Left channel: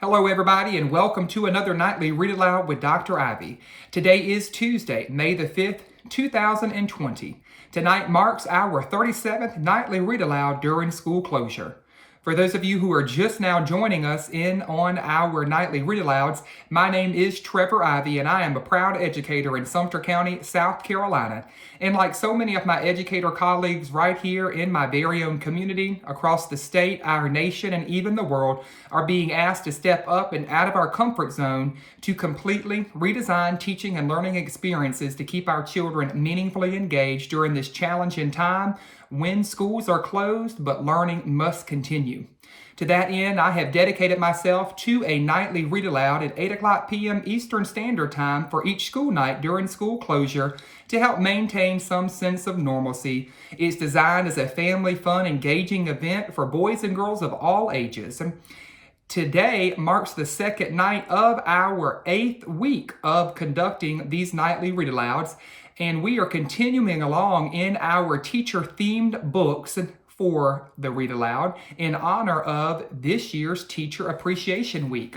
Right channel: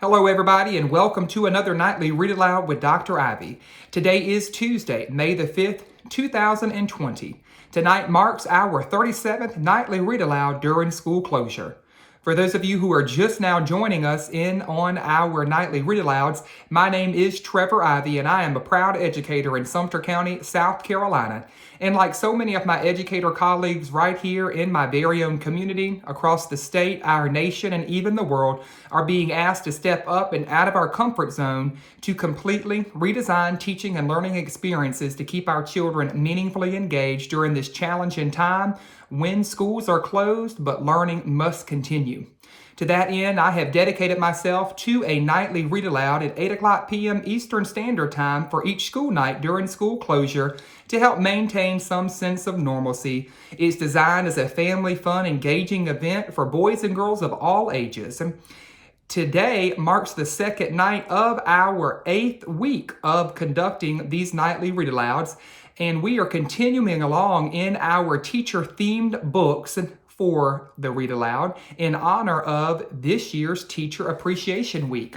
Hello, everybody, and welcome to another Nightly Read Aloud with Dr. Ivey. Today is Tuesday, May the 5th, 2020. Tonight marks our 37th Nightly Read Aloud during school closure. For those of you who are just now joining us in on our Nightly Read Alouds, my name is Trevor Ivey, and I am a proud educator in Sumter County, South Carolina. And like so many of my educator colleagues right here in my very own community, across the state, our nation, and even the world, are being asked to step up and out of our comfort zone to completely redesign teaching and learning experiences to keep our children meaningfully engaged during this challenging time when schools are closed, but learning must continue. To that end, I have dedicated myself to a nightly read aloud at 8 o'clock p.m. Eastern Standard Time for each school night during school closure to help maintain some sense of normalcy. It's designed as a family fun, engaging event for boys and girls of all ages. Today marks the second night of our 8th week of conducting these nightly read alouds, and we are continuing along in our teacher-themed books for the Read Aloud in honor of this year's Teacher Appreciation Week.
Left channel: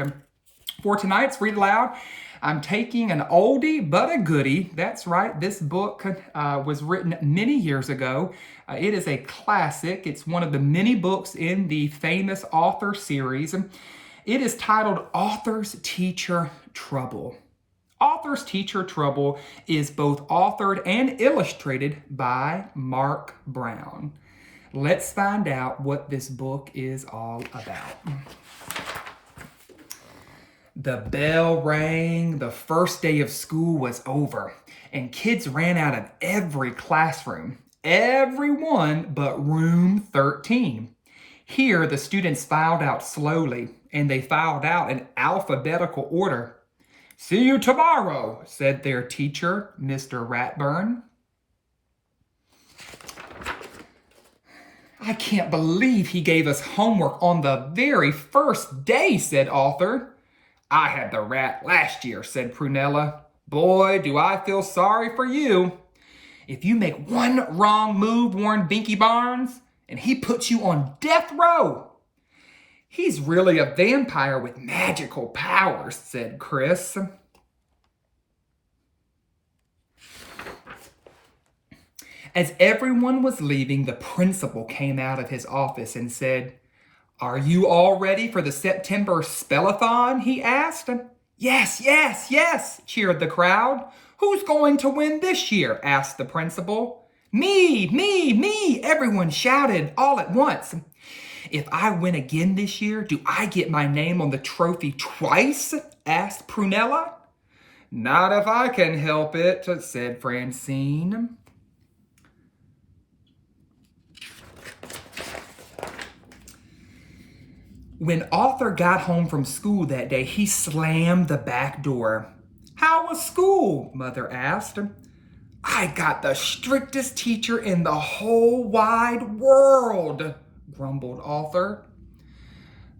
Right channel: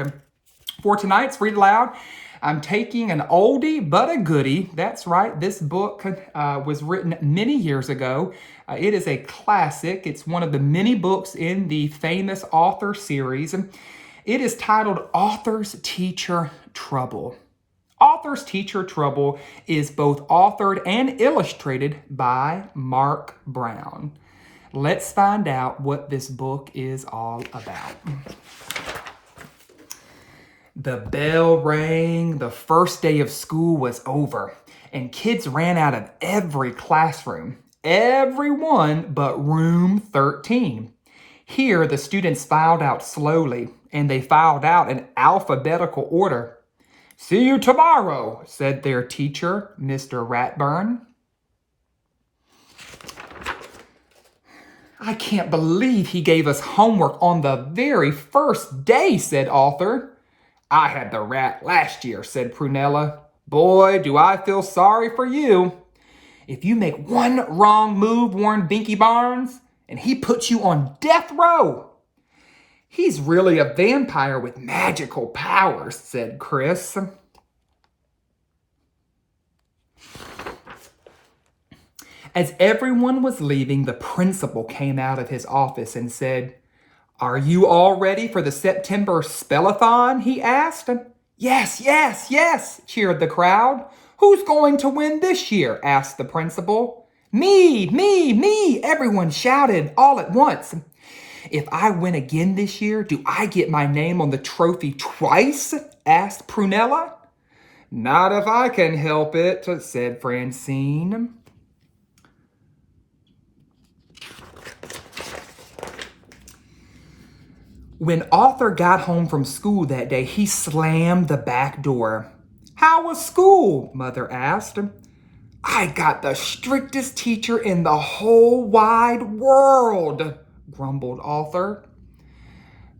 For tonight's Read Aloud, I'm taking an oldie but a goodie. That's right, this book was written many years ago. It is a classic. It's one of the many books in the famous author series. It is titled Author's Teacher Trouble. Author's Teacher Trouble is both authored and illustrated by Mark Brown. Let's find out what this book is all about. The bell rang, the first day of school was over, and kids ran out of every classroom, everyone but room 13. Here, the students filed out slowly, and they filed out in alphabetical order. "See you tomorrow," said their teacher, Mr. Ratburn. "I can't believe he gave us homework on the very first day," said Arthur. "I had the rat last year," said Prunella. "Boy, do I feel sorry for you. If you make one wrong move, Warren Binky Barnes, and he puts you on death row." "He's really a vampire with magical powers," said Chris. As everyone was leaving, the principal came out of his office and said, "Are you all ready for the September Spellathon?" he asked. "Yes, yes, yes," cheered the crowd. "Who's going to win this year?" asked the principal. "Me, me, me," everyone shouted all at once. "If I win again this year, do I get my name on the trophy twice?" asked Prunella. "Not if I can help it," said Francine. When Arthur got home from school that day, he slammed the back door. "How was school?" Mother asked. "I got the strictest teacher in the whole wide world," grumbled Arthur.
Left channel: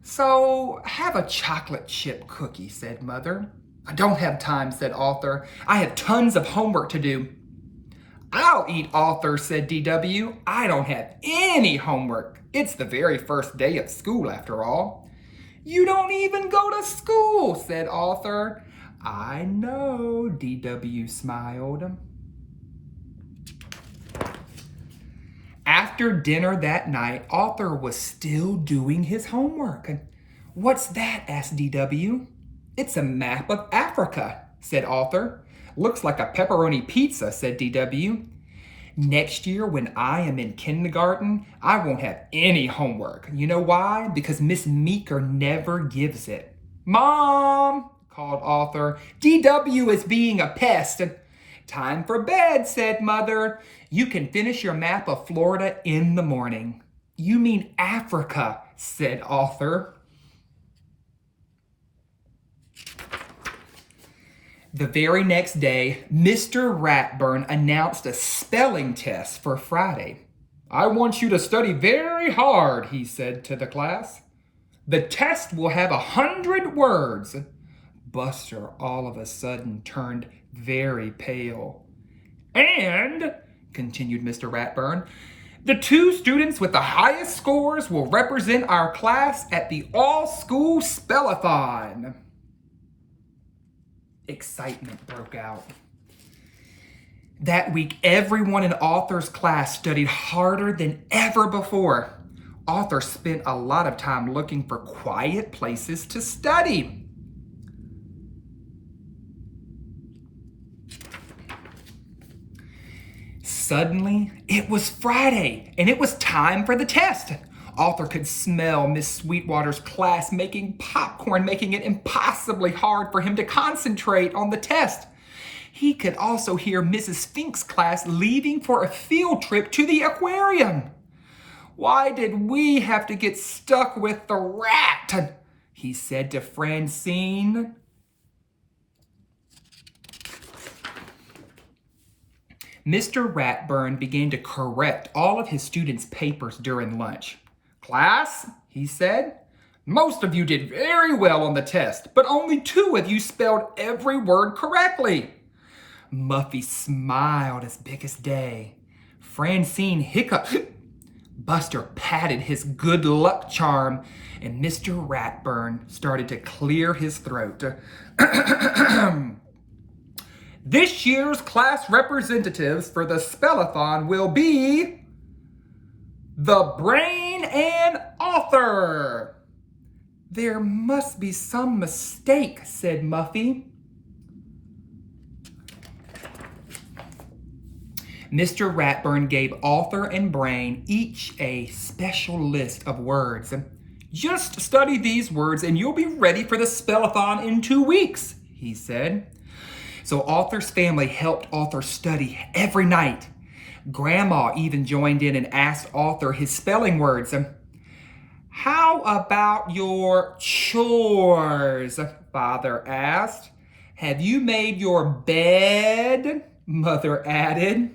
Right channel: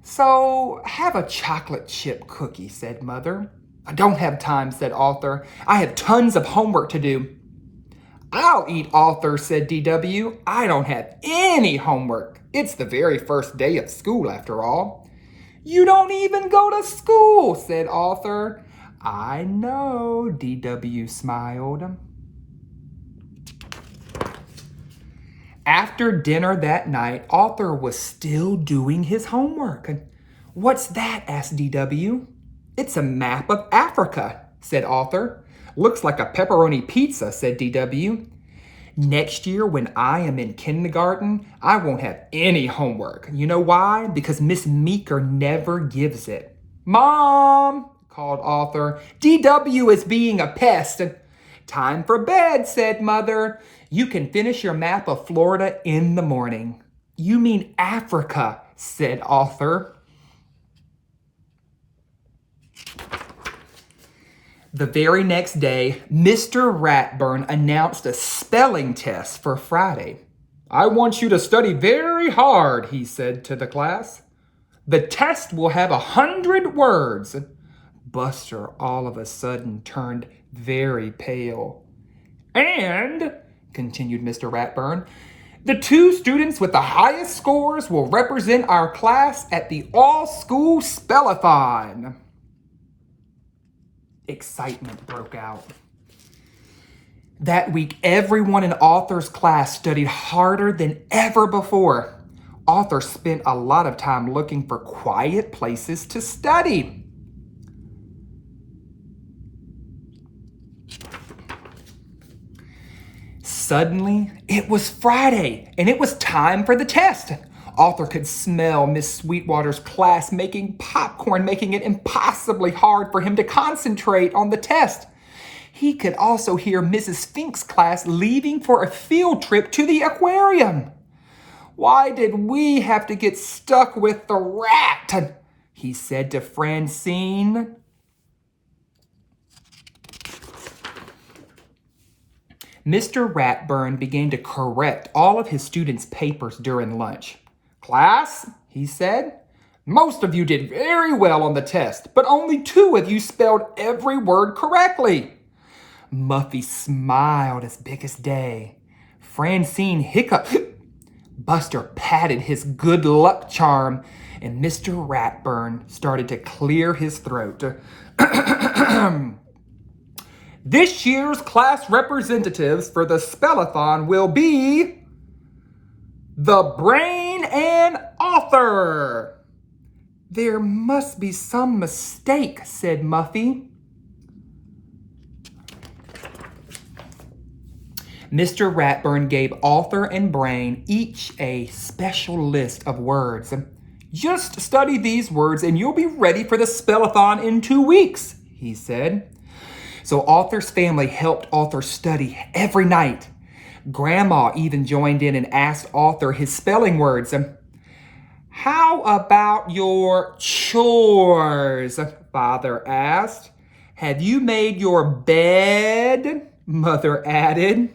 "So have a chocolate chip cookie," said Mother. "I don't have time," said Arthur. "I have tons of homework to do." "I'll eat, Arthur," said DW. "I don't have any homework. It's the very first day of school, after all." "You don't even go to school," said Arthur. "I know," DW smiled. After dinner that night, Arthur was still doing his homework. "What's that?" asked DW. "It's a map of Africa," said Arthur. "Looks like a pepperoni pizza," said DW. "Next year, when I am in kindergarten, I won't have any homework. You know why? Because Miss Meeker never gives it." "Mom," called Arthur, "DW is being a pest." "Time for bed," said Mother. "You can finish your map of Florida in the morning." "You mean Africa," said Arthur. The very next day, Mr. Ratburn announced a spelling test for Friday. "I want you to study very hard," he said to the class. "The test will have 100 words. Buster all of a sudden turned very pale. "And," continued Mr. Ratburn, The 2 students with the highest scores will represent our class at the all-school spellathon. Excitement broke out. That week, everyone in Arthur's class studied harder than ever before. Arthur spent a lot of time looking for quiet places to study. Suddenly, it was Friday, and it was time for the test. Arthur could smell Miss Sweetwater's class making popcorn, making it impossibly hard for him to concentrate on the test. He could also hear Mrs. Fink's class leaving for a field trip to the aquarium. "Why did we have to get stuck with the rat?" he said to Francine. Mr. Ratburn began to correct all of his students' papers during lunch. "Class," he said, "most of you did very well on the test, but only 2 of you spelled every word correctly." Muffy smiled as big as day. Francine hiccuped. Buster patted his good luck charm, and Mr. Ratburn started to clear his throat. "This year's class representatives for the spellathon will be the Brain and Author." "There must be some mistake," said Muffy. Mr. Ratburn gave Author and Brain each a special list of words. "Just study these words and you'll be ready for the spellathon in 2 weeks," he said. So Author's family helped Author study every night. Grandma even joined in and asked Author his spelling words. "How about your chores?" Father asked. "Have you made your bed?" Mother added.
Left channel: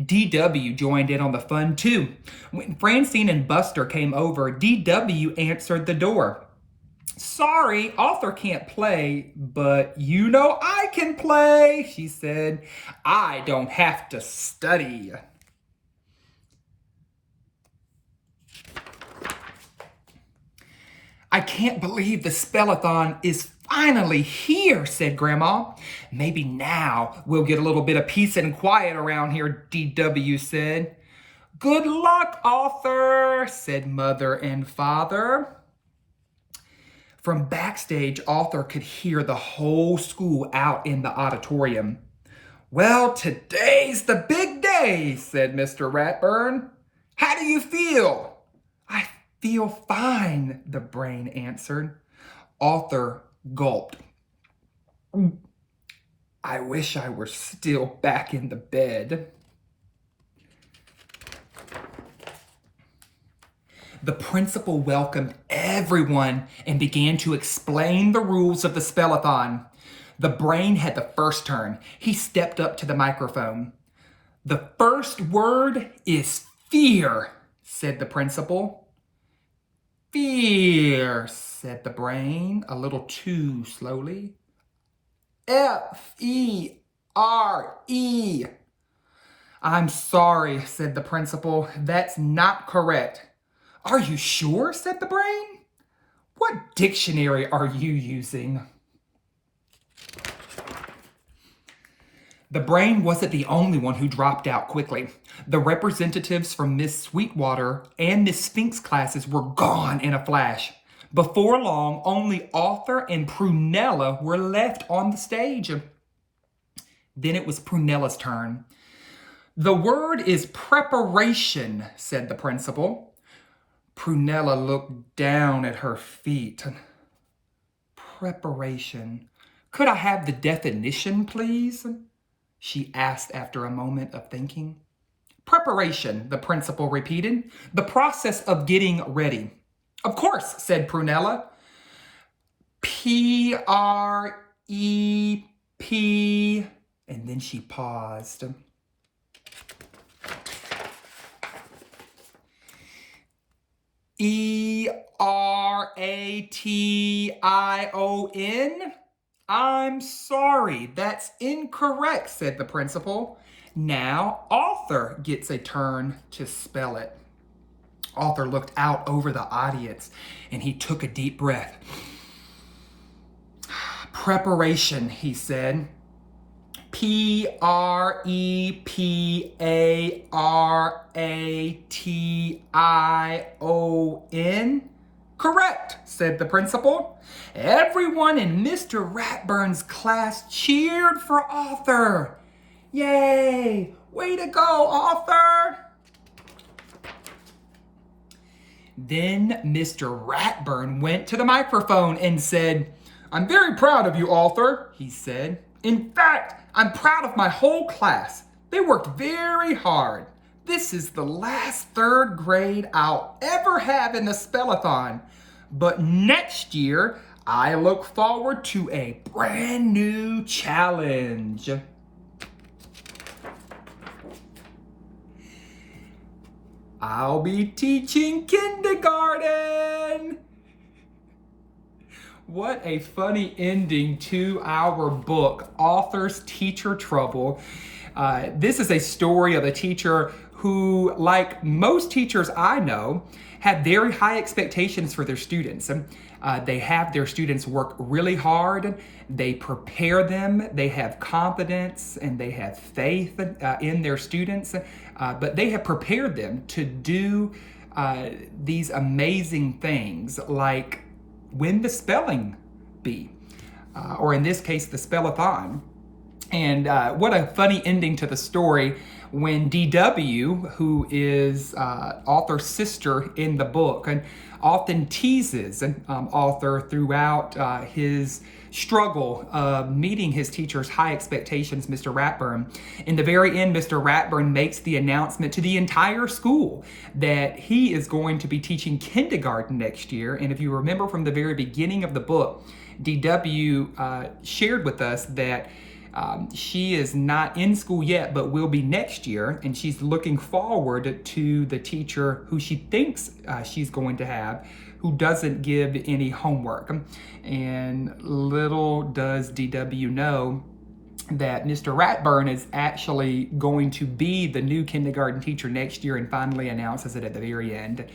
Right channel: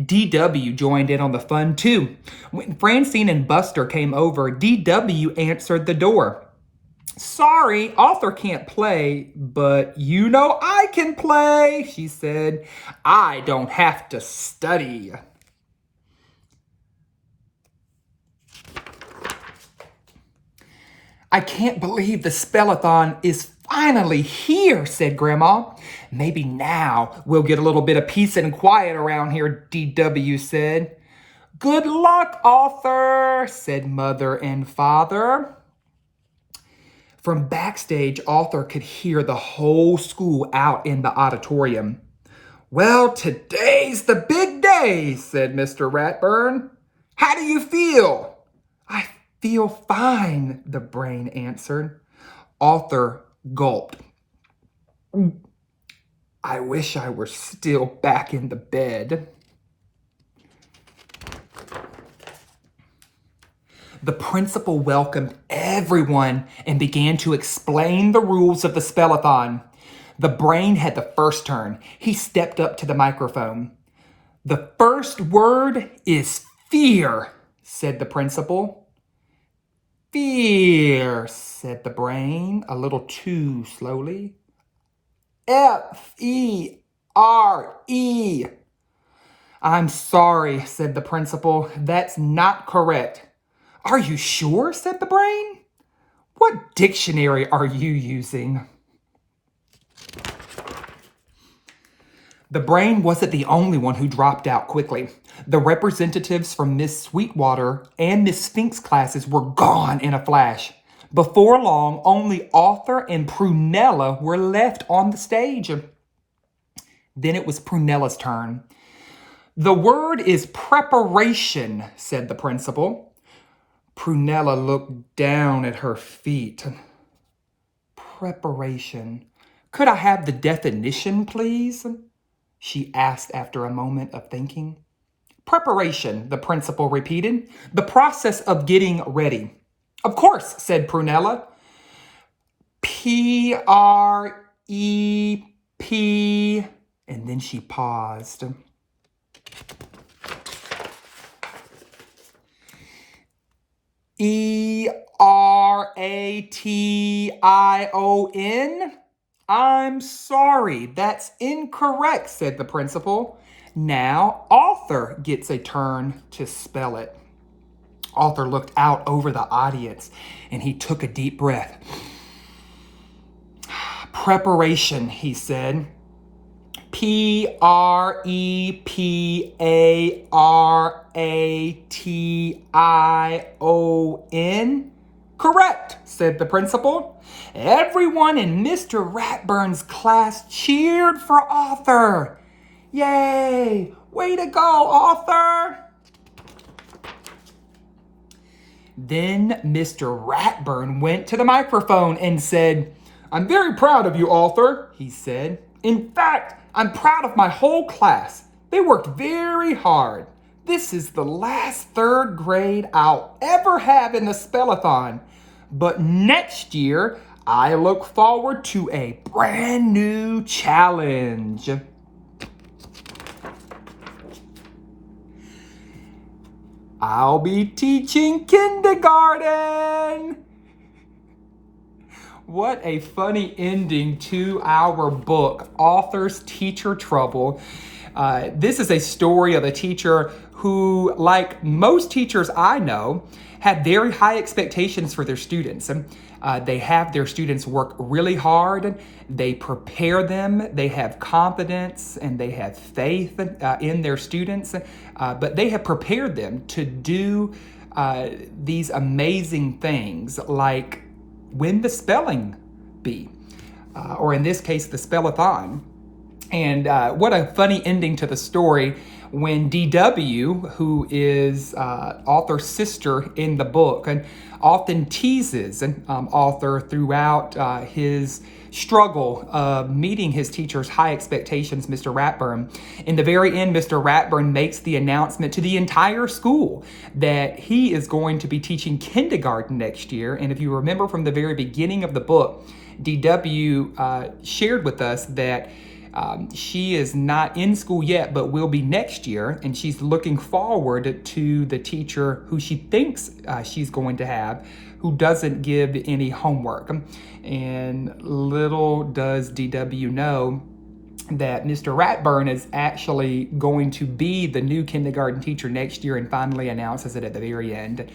DW joined in on the fun too. When Francine and Buster came over, DW answered the door. "Sorry, Author can't play, but you know I can play," she said. "I don't have to study." "I can't believe the spellathon is finally here," said Grandma. "Maybe now we'll get a little bit of peace and quiet around here," DW said. "Good luck, Author," said Mother and Father. From backstage, Author could hear the whole school out in the auditorium. "Well, today's the big day," said Mr. Ratburn. "How do you feel?" "I feel fine," the Brain answered. Author gulped. "I wish I were still back in the bed." The principal welcomed everyone and began to explain the rules of the spellathon. The Brain had the first turn. He stepped up to the microphone. "The first word is fear," said the principal. "Fear," said the Brain, a little too slowly. "F-E-R-E. "I'm sorry," said the principal. "That's not correct." "Are you sure?" said the Brain. "What dictionary are you using?" The Brain wasn't the only one who dropped out quickly. The representatives from Miss Sweetwater and Miss Fink's classes were gone in a flash. Before long, only Author and Prunella were left on the stage. Then it was Prunella's turn. "The word is preparation," said the principal. Prunella looked down at her feet. "Preparation. Could I have the definition, please?" she asked after a moment of thinking. "Preparation," the principal repeated. "The process of getting ready." "Of course," said Prunella. P-R-E-P, and then she paused. E-R-A-T-I-O-N? "I'm sorry, that's incorrect," said the principal. Now, Arthur gets a turn to spell it. Arthur looked out over the audience and he took a deep breath. Preparation, he said. Preparation. Correct, said the principal. Everyone in Mr. Ratburn's class cheered for Arthur. Yay! Way to go, Arthur! Then Mr. Ratburn went to the microphone and said, I'm very proud of you, Arthur, he said. In fact, I'm proud of my whole class. They worked very hard. This is the last third grade I'll ever have in the spellathon. But next year, I look forward to a brand new challenge. I'll be teaching kindergarten. What a funny ending to our book, Author's Teacher Trouble. This is a story of a teacher who, like most teachers I know, had very high expectations for their students. They have their students work really hard. They prepare them. They have confidence and they have faith in their students. But they have prepared them to do these amazing things like win the spelling bee, or in this case, the spellathon. And what a funny ending to the story when DW, who is Arthur's sister in the book, and often teases Arthur throughout his struggle of meeting his teacher's high expectations, Mr. Ratburn. In the very end, Mr. Ratburn makes the announcement to the entire school that he is going to be teaching kindergarten next year. And if you remember from the very beginning of the book, DW shared with us that she is not in school yet, but will be next year. And she's looking forward to the teacher who she thinks she's going to have, who doesn't give any homework. And little does DW know that Mr. Ratburn is actually going to be the new kindergarten teacher next year, and finally announces it at the very end.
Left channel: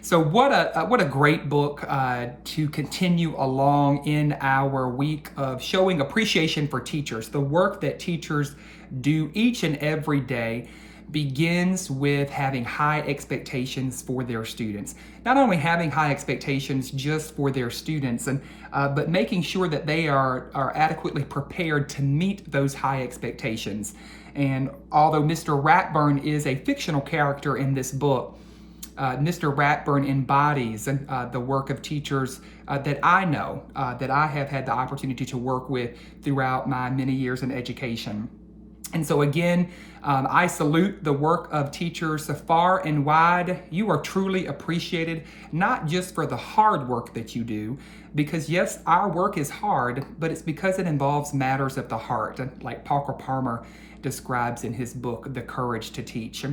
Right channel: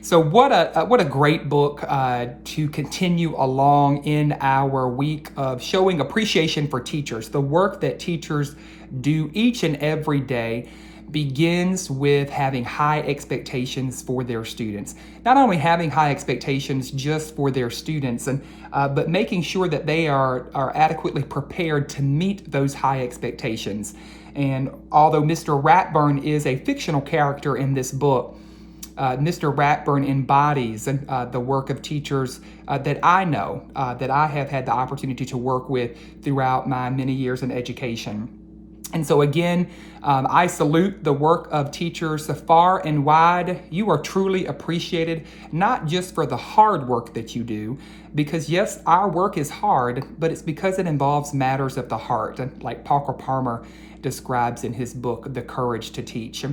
So what a great book to continue along in our week of showing appreciation for teachers. The work that teachers do each and every day begins with having high expectations for their students. Not only having high expectations just for their students, but making sure that they are adequately prepared to meet those high expectations. And although Mr. Ratburn is a fictional character in this book, Mr. Ratburn embodies the work of teachers that I know, that I have had the opportunity to work with throughout my many years in education. And so again, I salute the work of teachers far and wide. You are truly appreciated, not just for the hard work that you do, because yes, our work is hard, but it's because it involves matters of the heart, like Parker Palmer describes in his book, The Courage to Teach.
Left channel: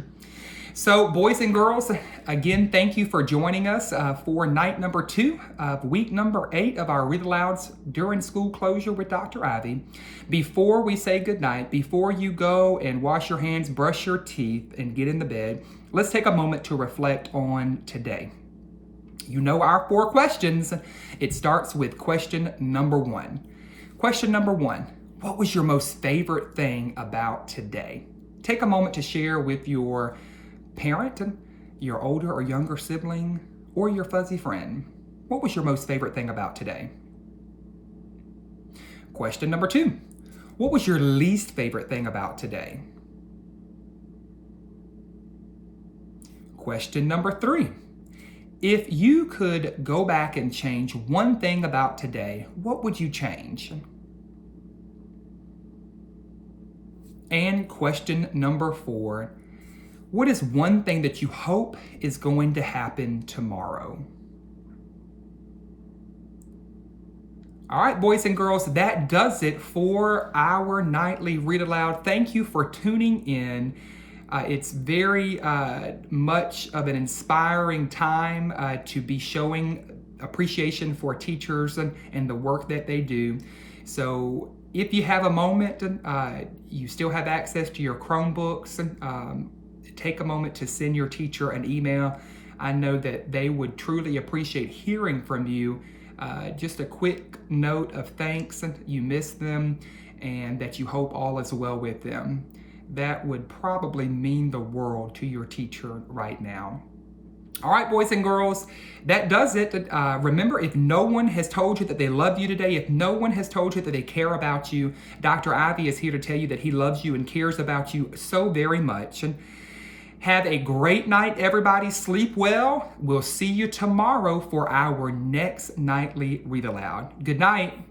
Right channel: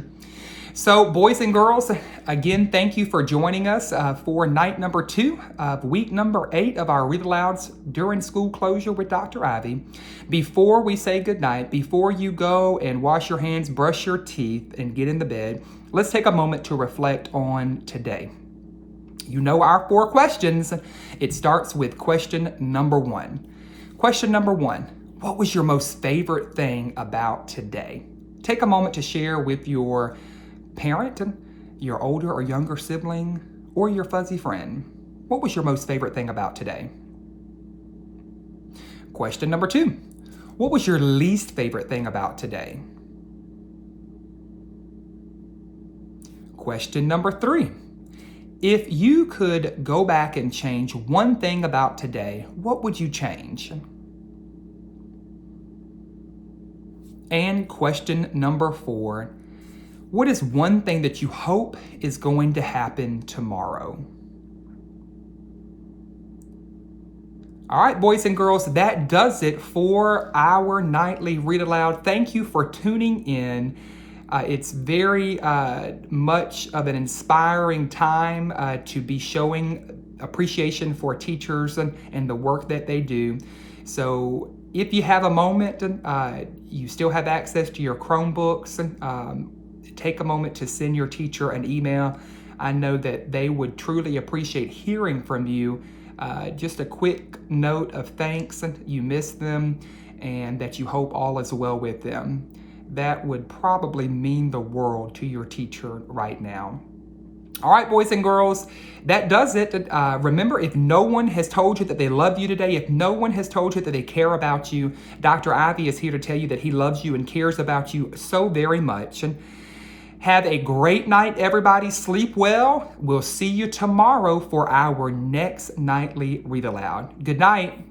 So boys and girls, again, thank you for joining us for night number 2 of week number 8 of our Read Alouds during school closure with Dr. Ivey. Before we say goodnight, before you go and wash your hands, brush your teeth, and get in the bed, let's take a moment to reflect on today. You know our 4 questions. It starts with question number 1. Question number 1, what was your most favorite thing about today? Take a moment to share with your parent, your older or younger sibling, or your fuzzy friend. What was your most favorite thing about today? Question number 2, what was your least favorite thing about today? Question number 3, if you could go back and change one thing about today, what would you change? And question number 4, what is one thing that you hope is going to happen tomorrow? All right, boys and girls, that does it for our nightly Read Aloud. Thank you for tuning in. It's very much of an inspiring time to be showing appreciation for teachers and the work that they do. So If you have a moment, you still have access to your Chromebooks, take a moment to send your teacher an email. I know that they would truly appreciate hearing from you. Just a quick note of thanks, you miss them, and that you hope all is well with them. That would probably mean the world to your teacher right now. All right, boys and girls, that does it. Remember, if no one has told you that they love you today, if no one has told you that they care about you, Dr. Ivey is here to tell you that he loves you and cares about you so very much. And have a great night, everybody. Sleep well. We'll see you tomorrow for our next nightly Read Aloud. Good night.